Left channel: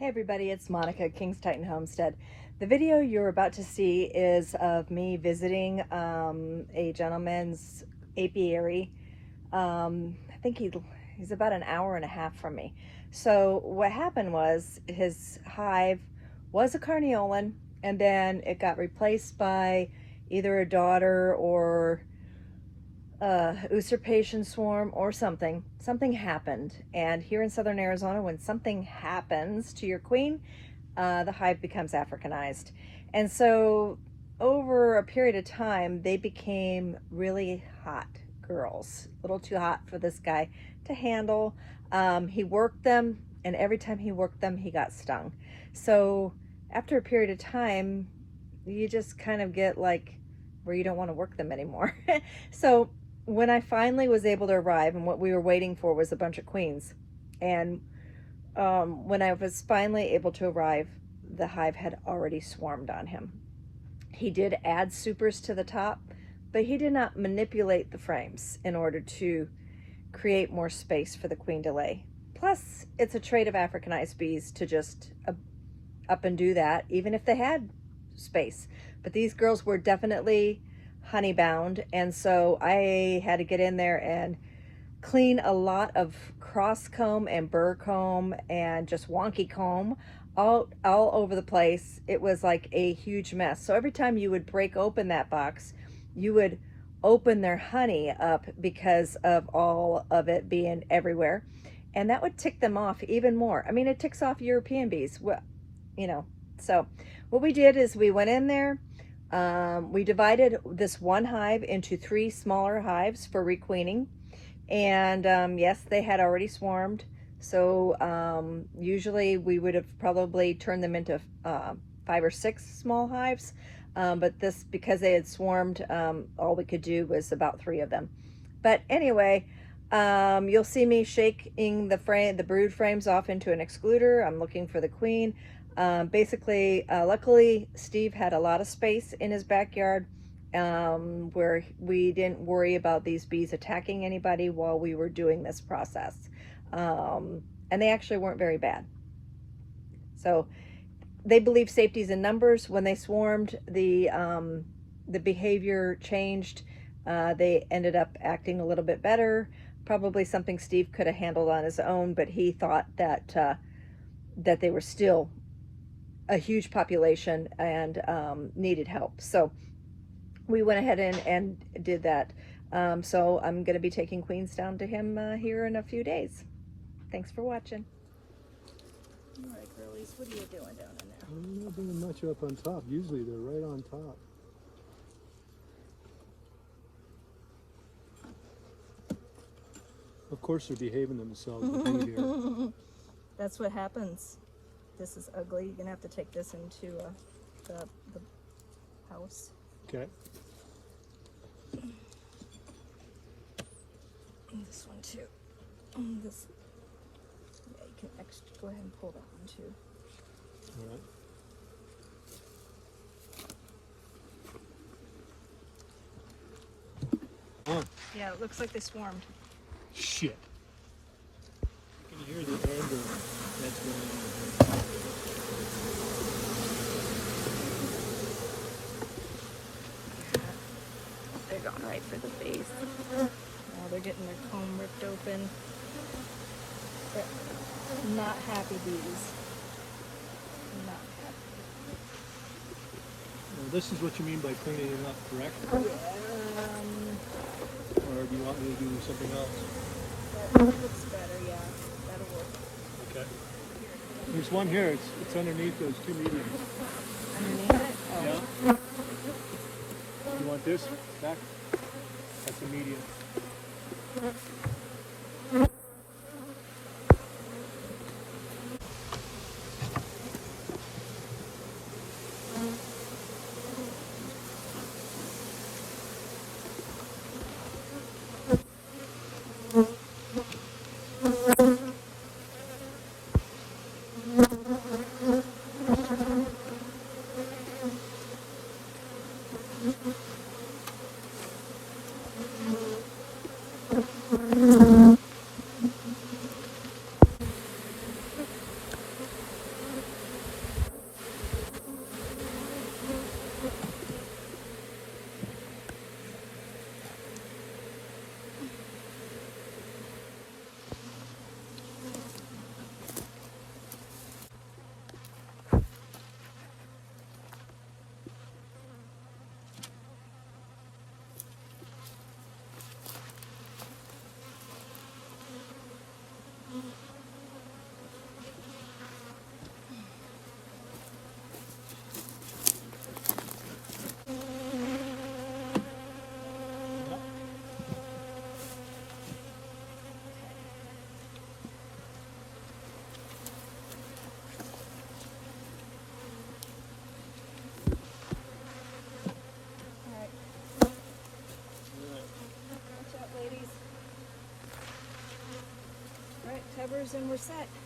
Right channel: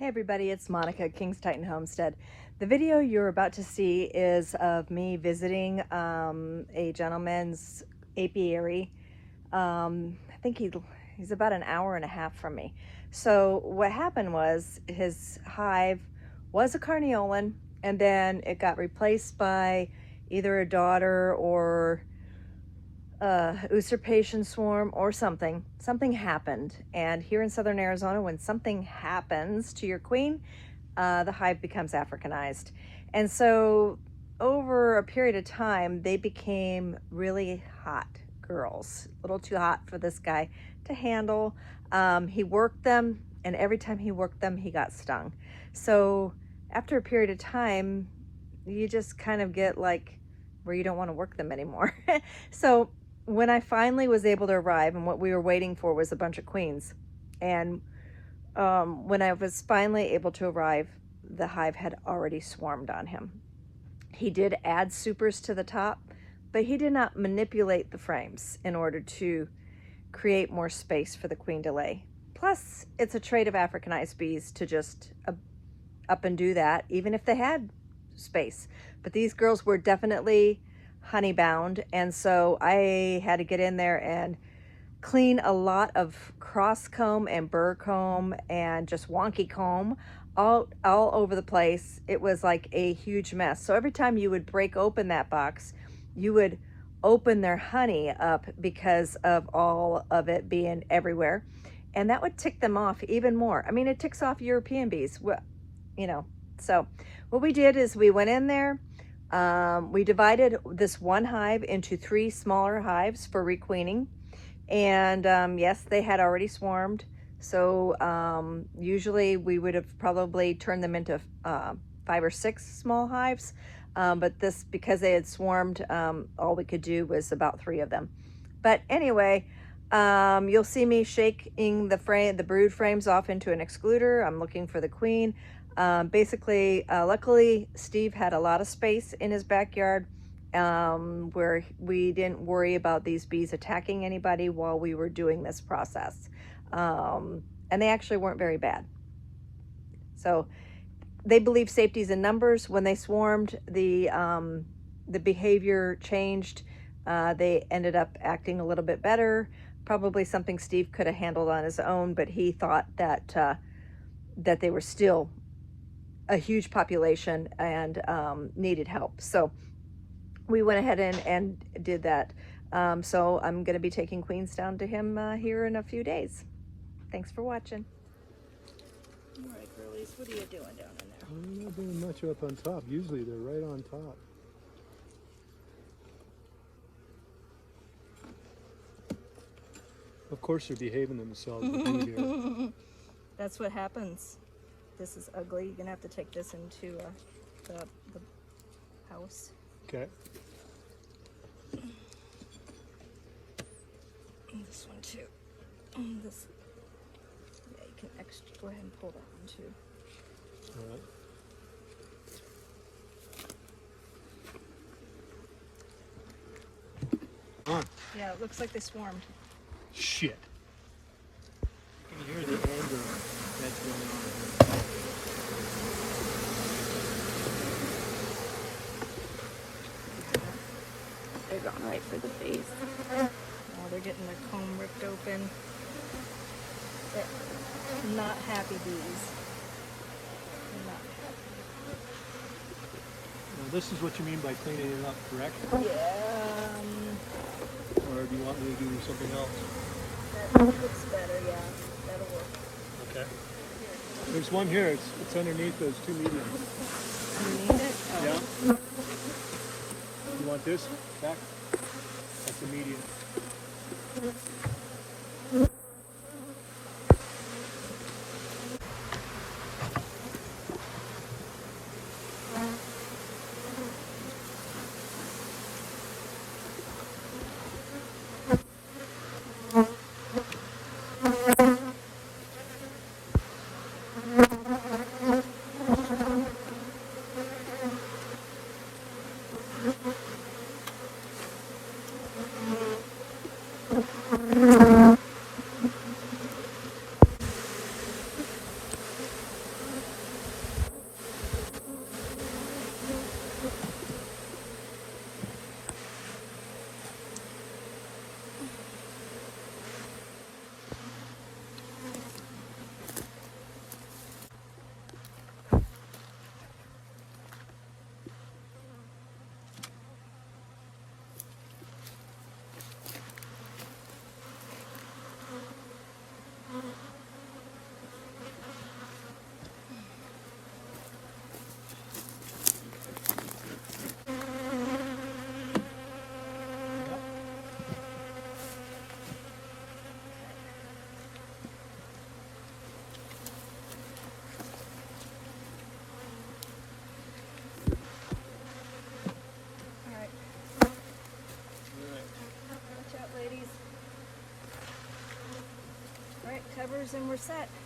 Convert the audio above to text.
Hey everybody, it's Monica at King's Titan Homestead. The video you're about to see is of me visiting a gentleman's apiary. I think he's about an hour and a half from me. So what happened was his hive was a carniolan, and then it got replaced by either a daughter or usurpation swarm or something. Something happened, and here in southern Arizona, when something happens to your queen, the hive becomes Africanized. And so over a period of time, they became really hot girls, a little too hot for this guy to handle. He worked them, and every time he worked them, he got stung. So after a period of time, you just kind of get like where you don't want to work them anymore. So when I finally was able to arrive, and what we were waiting for was a bunch of queens, and when I was finally able to arrive, the hive had already swarmed on him. He did add supers to the top, but he did not manipulate the frames in order to create more space for the queen to lay. Plus, it's a trait of Africanized bees to just up and do that, even if they had space. But these girls were definitely honey bound, and so I had to get in there and clean a lot of cross comb and burr comb and just wonky comb all over the place. It was like a huge mess. So every time you would break open that box, you would open their honey up because of all of it being everywhere, and that would tick them off even more. I mean, it ticks off European bees, you know. So what we did is we went in there. We divided this one hive into 3 smaller hives for requeening, and yes, they had already swarmed. So usually we would have probably turned them into 5 or 6 small hives, but this, because they had swarmed, all we could do was about 3 of them. But anyway, you'll see me shaking the brood frames off into an excluder. I'm looking for the queen. Basically, luckily, Steve had a lot of space in his backyard where we didn't worry about these bees attacking anybody while we were doing this process. And they actually weren't very bad. So they believe safety's in numbers. When they swarmed, the behavior changed. They ended up acting a little bit better. Probably something Steve could have handled on his own, but he thought that that they were still a huge population and needed help. So we went ahead and did that. So I'm going to be taking queens down to him here in a few days. Thanks for watching. All right, girlies, what are you doing down in there? I'm not doing much up on top. Usually they're right on top. Of course they're behaving themselves to be here. That's what happens. This is ugly. You're gonna have to take this into the house. Okay. This one too. This, yeah, you can go ahead and pull that one too. All right. Yeah, it looks like they swarmed. Shit. They're going right for the face. Now they're getting their comb ripped open. They're not happy bees. Not happy. Well, this is what you mean by cleaning it up, correct? Yeah. Or do you want me to do something else? That looks better, yeah. That'll work. Okay. There's one here. It's underneath those 2 mediums. Underneath it? Oh. Yeah. You want this? That? That's a medium. and we're set.